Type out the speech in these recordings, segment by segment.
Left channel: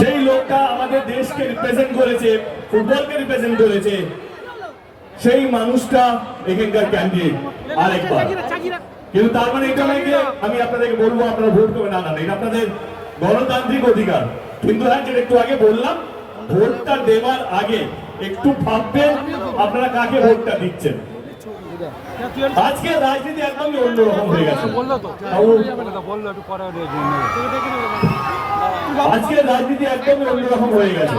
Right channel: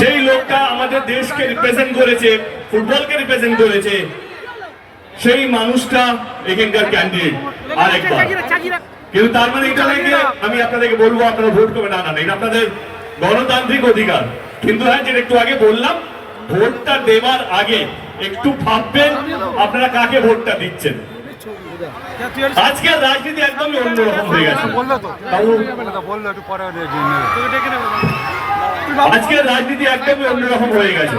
যেই লোকটা আমাদের দেশকে রিপ্রেজেন্ট করেছে ফুটবলকে রিপ্রেজেন্ট করেছে সেই মানুষটা এখানকার ক্যান্ডিডেট আরেকবার। কিন্তু তার মানে এটা যে আমি আপনাদেরকে বলব আপনারা ভোট করবেন না না এটা আপনাদের গণতান্ত্রিক অধিকার। কিন্তু হ্যাঁ যেটা একটু আগে বললাম ভোটটা দেওয়ার আগে একটু ভাববেন আপনারা কাকে ভোটটা দিচ্ছেন। আজকের রাজনীতি একদমই অন্যরকম হয়ে গেছে। আজকের রাজনীতি একদমই অন্যরকম হয়ে গেছে।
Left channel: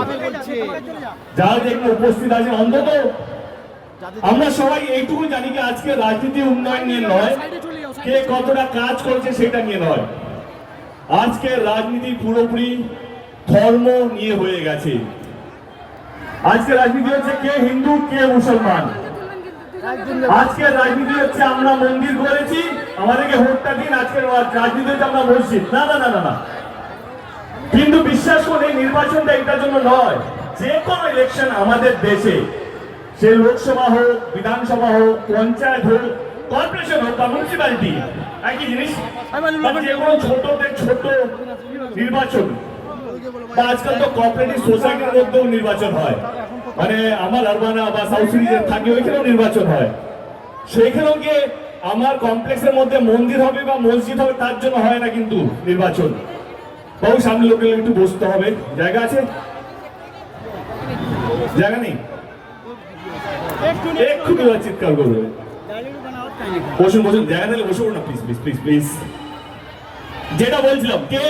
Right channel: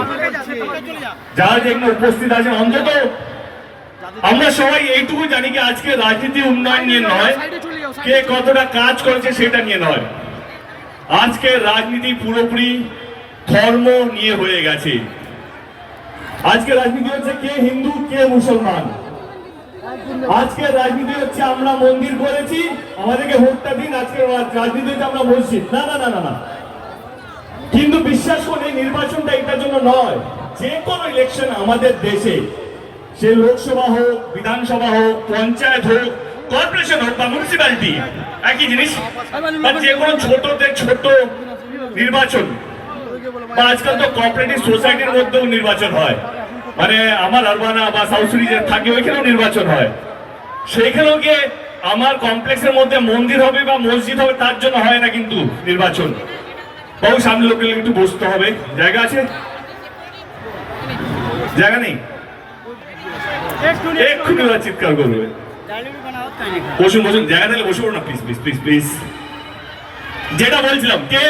যারা যেখানে উপস্থিত আছেন, অন্তত আমরা সবাই এইটুকু জানি কি আজকে রাজনীতি উন্নয়ন নিয়ে নয়, কে কতটা কাজ করেছে সেটা নিয়ে নয়। আজকে রাজনীতি পুরোপুরি ধর্ম নিয়ে হয়ে গেছে। আজকে রাজনীতি হচ্ছে কে হিন্দু, কে মুসলমান। আজকে রাজনীতি হচ্ছে আমরা মন্দির করেছি, আমাদেরকে ভোটটা দিন, আজকে রাজনীতি হচ্ছে আমরা মসজিদ। না না না না না। কিন্তু বিশ্বাস করুন, এই নির্বাচনটা এটার জন্য নয়। যে কোনো ইলেকশন আমাদের দেশে, সে লোকসভা হোক, বিধানসভা হোক, পঞ্চায়েত হোক কর্পোরেশন হোক বা মিউনিসিপ্যালিটি একই জিনিস। যে কোনো ছোট ছোট নির্বাচন, বা আজকাল তো কোঅপারেটিভ সোসাইটির মধ্যেও নির্বাচন হয়। মানে আমার আরবানা বা সাউথ সিরিজের থাকে, ওইখানেও নির্বাচন হয়। সেইখানেও গিয়ে আমার কমপ্লেক্সের মধ্যে মন্দির হবে বা মসজিদ হবে, তার জন্য হয় না কিন্তু নির্বাচন। বাবু সামনে লোকে একটু বসতে হবে। জায়গা আছে? জায়গা নেই? এক্ষুনি ওরা চিৎকার করবে। বসুন বসুন, জায়গা দিলে বসে না প্লিজ প্লিজ প্লিজ প্লিজ যেটা বলছিলাম, কে?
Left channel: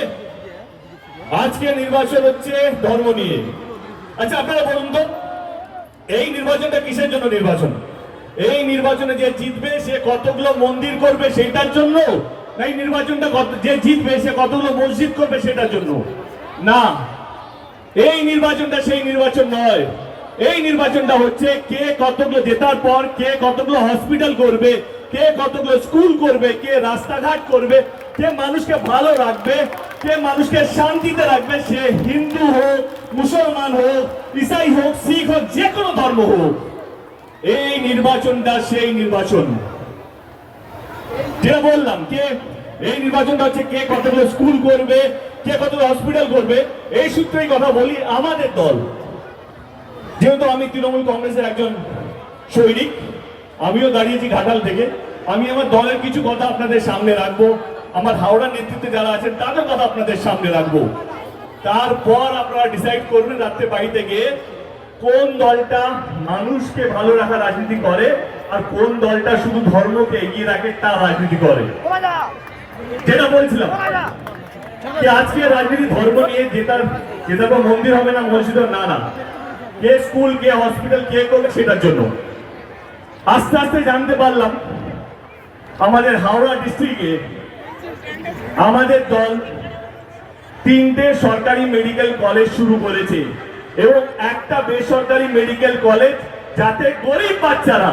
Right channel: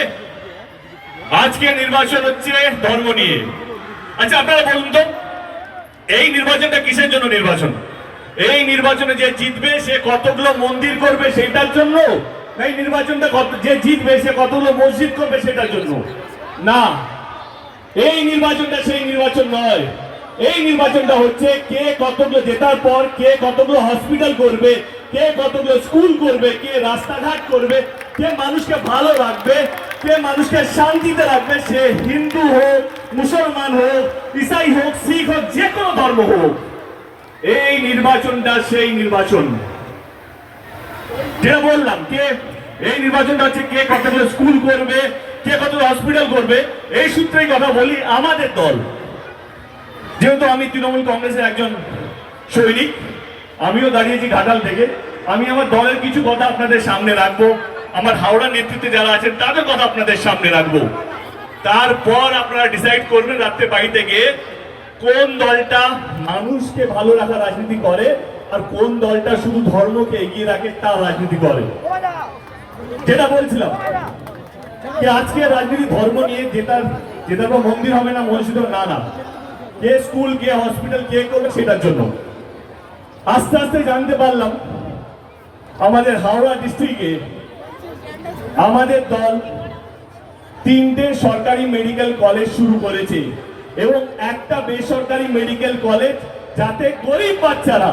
আজকে নির্বাচন হচ্ছে ধর্ম নিয়ে। আচ্ছা আপনারা বলুন তো, এই নির্বাচনটা কিসের জন্য নির্বাচন? এই নির্বাচনে যে জিতবে, সে কতগুলো মন্দির করবে সেটার জন্য? এই নির্বাচনটা কত যে জিতবে সে কতগুলো মসজিদ করবে সেটার জন্য। না, এই নির্বাচনটা সেই নির্বাচন নয়। এই নির্বাচনটা হচ্ছে কে কতগুলো জেতার পর কে কতগুলো হসপিটাল করবে, কে কতগুলো স্কুল করবে, কে রাস্তাঘাট করবে, কে মানুষকে ভালো রাখবে, কে মানুষকে শান্তিতে রাখবে, সে হিন্দু হোক, মুসলমান হোক, ইসাই হোক, শিখ হোক, যে কোনো ধর্ম হোক। এই নির্বাচনটা সেই নির্বাচন। যেটা বললাম? কে? এই নির্বাচনটা হচ্ছে কে কতগুলো স্কুল করবে? কে কতগুলো হসপিটাল করবে? এই সূত্রেই কথা বলি আমাদের দল। যেহেতু আমি তৃণমূল কংগ্রেসের একজন সৈনিক, আমিও দাঁড়িয়েছি ঘাটাল থেকে। আমি আমার দলের কিছু কথা আপনাদের সামনে রাখব। আমার হাওড়া নেতৃত্বে যারা আছেন, তাদের কথা আপনাদের সামনে রাখব। তারপর আপনারা ডিসাইড করবেন রাত্রে বাড়িতে গিয়ে কোন দলটা মানুষকে ভালো রাখার রাজনীতি করে আর কোন দলটা শুধু ধর্মকে এগিয়ে রাখে তার রাজনীতি করে। যেটা বলছিলাম আজকে রাজনীতি ধর্ম নিয়ে যেটার যেটা কোনো মন্দির হবে না মসজিদ না না। কে স্কুল, কে হসপিটাল, কে করবে সেটার জন্য। আস্তে আস্তে জানতে পারলাম, আমাদের হাওড়া ডিস্ট্রিক্টে আমাদের দল তিনটে সরকারি মেডিকেল কলেজ শুরু করেছে এবং একটা বেসরকারি মেডিকেল কলেজ যাতে গরিব বাচ্চারা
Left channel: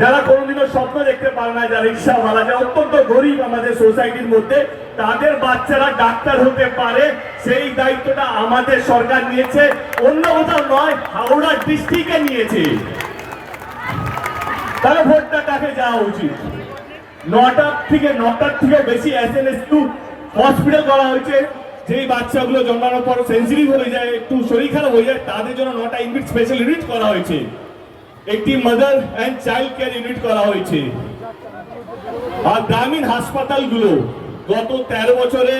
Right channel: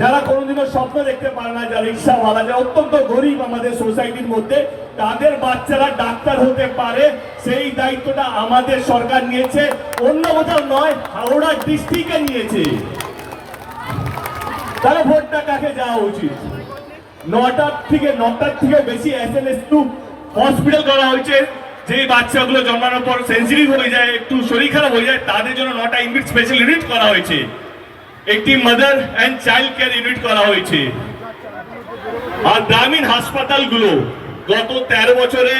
যারা কোনোদিনও স্বপ্ন দেখতে পারে না যারা ভাড়া যায়, অত্যন্ত গরিব আমাদের সোসাইটির মধ্যে, তাদের বাচ্চারা ডাক্তার হতে পারে, সেই দায়িত্বটা আমাদের সরকার নিয়েছে। অন্য কোথাও নয়, হাওড়া ডিস্ট্রিক্টে নিয়েছে। তাহলে ভোটটা কাকে যাওয়া উচিত? নটার থেকে নটার থেকে বেশি S N S to hospital করা হয়েছে। যেই বাচ্চাগুলো জন্মানোর পর সেন্সিটিভ হয়ে যায়, একটু শরীর খারাপ হয়ে যায়, তাদের জন্য নটা ইউনিট স্পেশাল ইউনিট করা হয়েছে। একটি mother and child care unit করা হয়েছে। আর গ্রামীণ হাসপাতালগুলো গত তেরো বছরে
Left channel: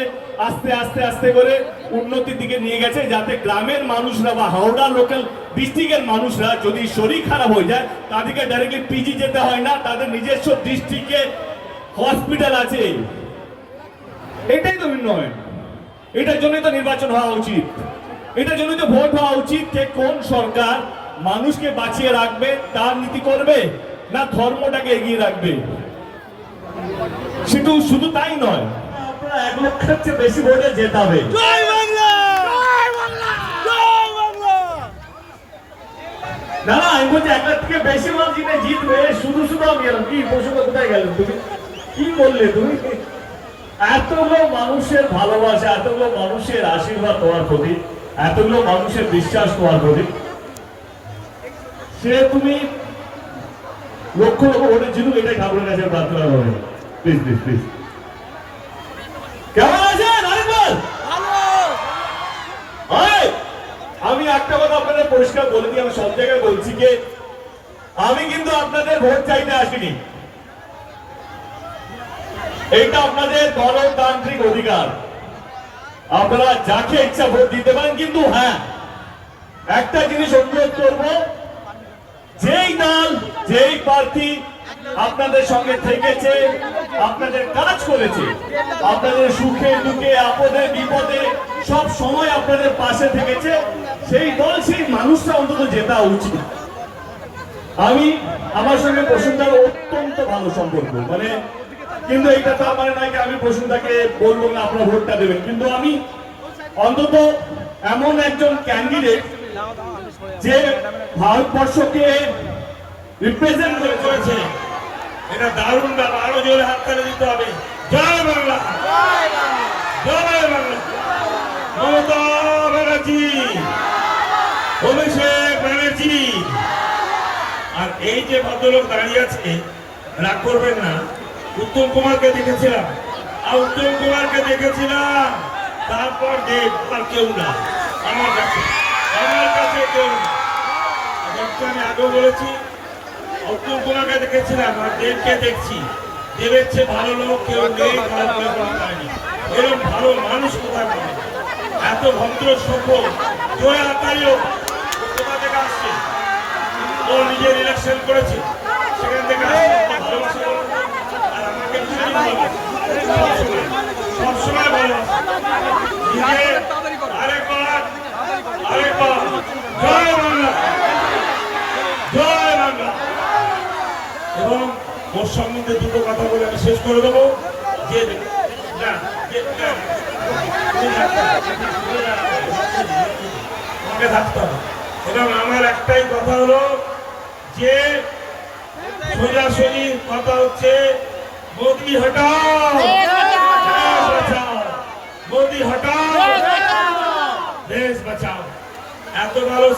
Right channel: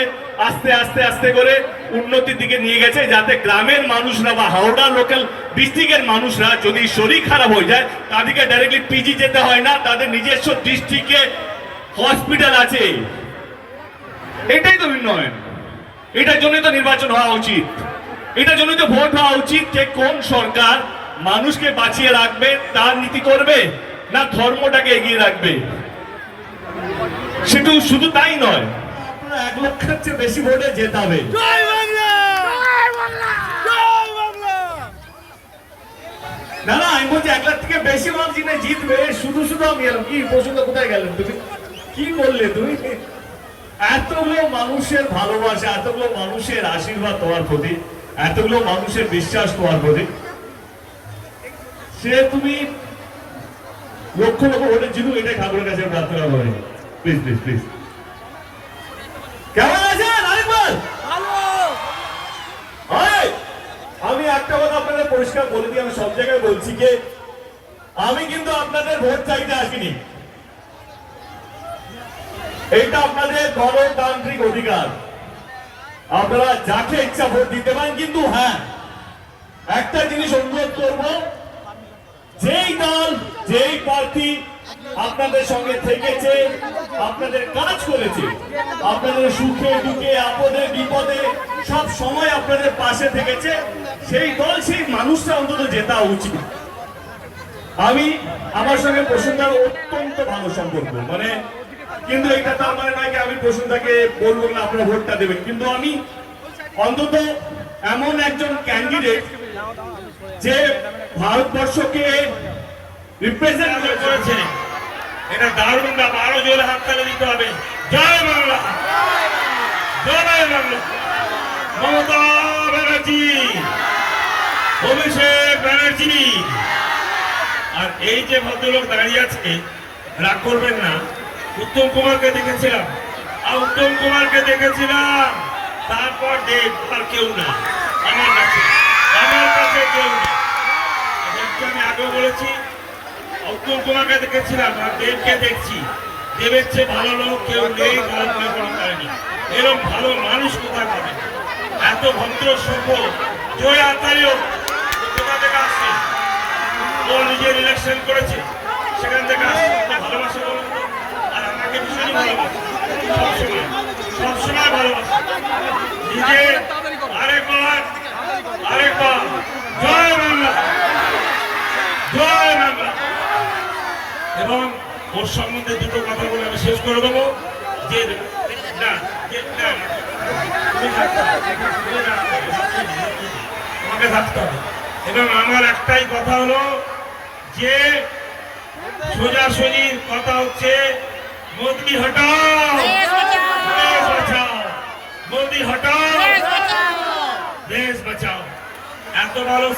আস্তে আস্তে আস্তে করে উন্নতির দিকে নিয়ে গেছে, যাতে গ্রামের মানুষরা বা হাওড়া লোকাল ডিস্ট্রিক্টের মানুষরা যদি শরীর খারাপ হয়ে যায়, তাদেরকে ডাইরেক্টলি পিজি যেতে হয় না, তাদের নিজস্ব ডিস্ট্রিক্টে হসপিটাল আছে। এটাই তো উন্নয়ন এটার জন্যই তো নির্বাচন হওয়া উচিত। এটার জন্যই তো ভোট হওয়া উচিত যে কোন সরকার মানুষকে বাঁচিয়ে রাখবে তার নীতি করবে না ধর্মটাকে এগিয়ে রাখবে। শুধু শুধু তাই নয় আপনারা এক লক্ষের চেয়ে বেশি ভোটে জেতাবে জয় বাংলা! জয় বাংলা! জয় বাংলা! না না আমি বলছি এক লাখ থেকে বেশি মানুষ জিতে জিতবে শুধু শুধু আমি এলাম। কি পশুটা কোথায় গেলেন তুমি? কি বললে তুমি? এতগুলো মানুষের ভালোবাসা এতগুলো মানুষের আশীর্বাদ তোমার প্রতি এতগুলো মানুষের বিশ্বাস তোমার প্রতি। সে তুমি লক্ষ লক্ষ ভোটে জিতুক, এটাই ঠাকুরের কাছে প্রার্থনা করে প্লিজ প্লিজ প্লিজ কেমন আছেন? আরেকবার। ভালো আপনাদের পরিষ্কার বলে দিই, আমি সব জায়গায় বলছি যে আমি কিন্তু আপনাদের ভোট চাইতে আসিনি। এটা আপনাদের গণতান্ত্রিক অধিকার। আপনারা যাকে ইচ্ছা ভোট দিতে পারেন, কিন্তু হ্যাঁ একটা জিনিস অনুরোধ করব যেই দল, যেই প্রার্থী আপনাদের সঙ্গে থেকেছে, আপনাদের কাজ করেছে, আপনাদের সুখে দুঃখে, আপদে, বিপদে, সব সময় আপনাদের পাশে থেকেছে, সেই দল, সেই মানুষটা অন্তত জেতা উচিত। আমি আমার সঙ্গে প্রসন্নতার অত্যন্ত ভালো সম্পর্ক মানে কিন্তু এটা তার মানে নয় আমি প্রসন্নতাকে বলব না, আপনারা ভোটটা দেবেন। কিন্তু আমি অন্তত এমন একজন ক্যান্ডিডেট যে ভারতবর্ষকে রিপ্রেজেন্ট করেছে এটা দারুণ ব্যাপার। আরও জোরে হাত তালে দিতে হবে। জয় বাংলা। জয় বাংলা। মমতা ব্যানার্জি অভিষেক ব্যানার্জি। আর এই যে ভদ্রলোক দাঁড়িয়ে আছে রাগ করবেন না উত্তম কুমারকে দেখেছিলাম। আর উত্তম কুমারকে দেখেছিলাম। তারপর দেব আর কেউ না। আমার কাছে। আমার কাছে আমি আগেও বলেছি উত্তম কুমারকে দেখেছিলাম, আর দেবকে দেখছি। দেবের চেয়ে ভালো কেউ নেই এরকম ভালো মানুষ পাবে এত ভদ্র সভ্য জয় আতারিও কোথা থেকে আসছে? ও নিজের ইলেকশন করেছে, সেখান থেকে আসছে। আর আমাকে ভীষণ ভালোবাসে। সবসময় সবসময় ভালোবাসে। নিজে আরেকবার আরেকবার জয় বাংলা জয় বাংলা এবং ওর সম্বন্ধে দুটো কথা বলে আমি শেষ করে দেবো। যে না যে থাকতে হবে, এবং আমার একটাই কথা হলো যে সোজাসুজি কথা হচ্ছে মোদি হটাও। দেশ বাঁচাও। মোদি হটাও। দেশ বাঁচাও। এত ভালো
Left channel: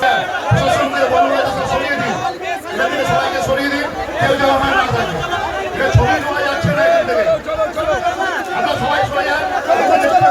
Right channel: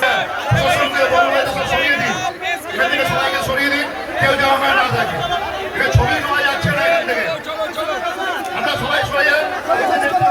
প্রশাসনকে বলব, সরিয়ে দিন। কেউ জমাবে না থাকে ছবি তোলা সবাই সবাই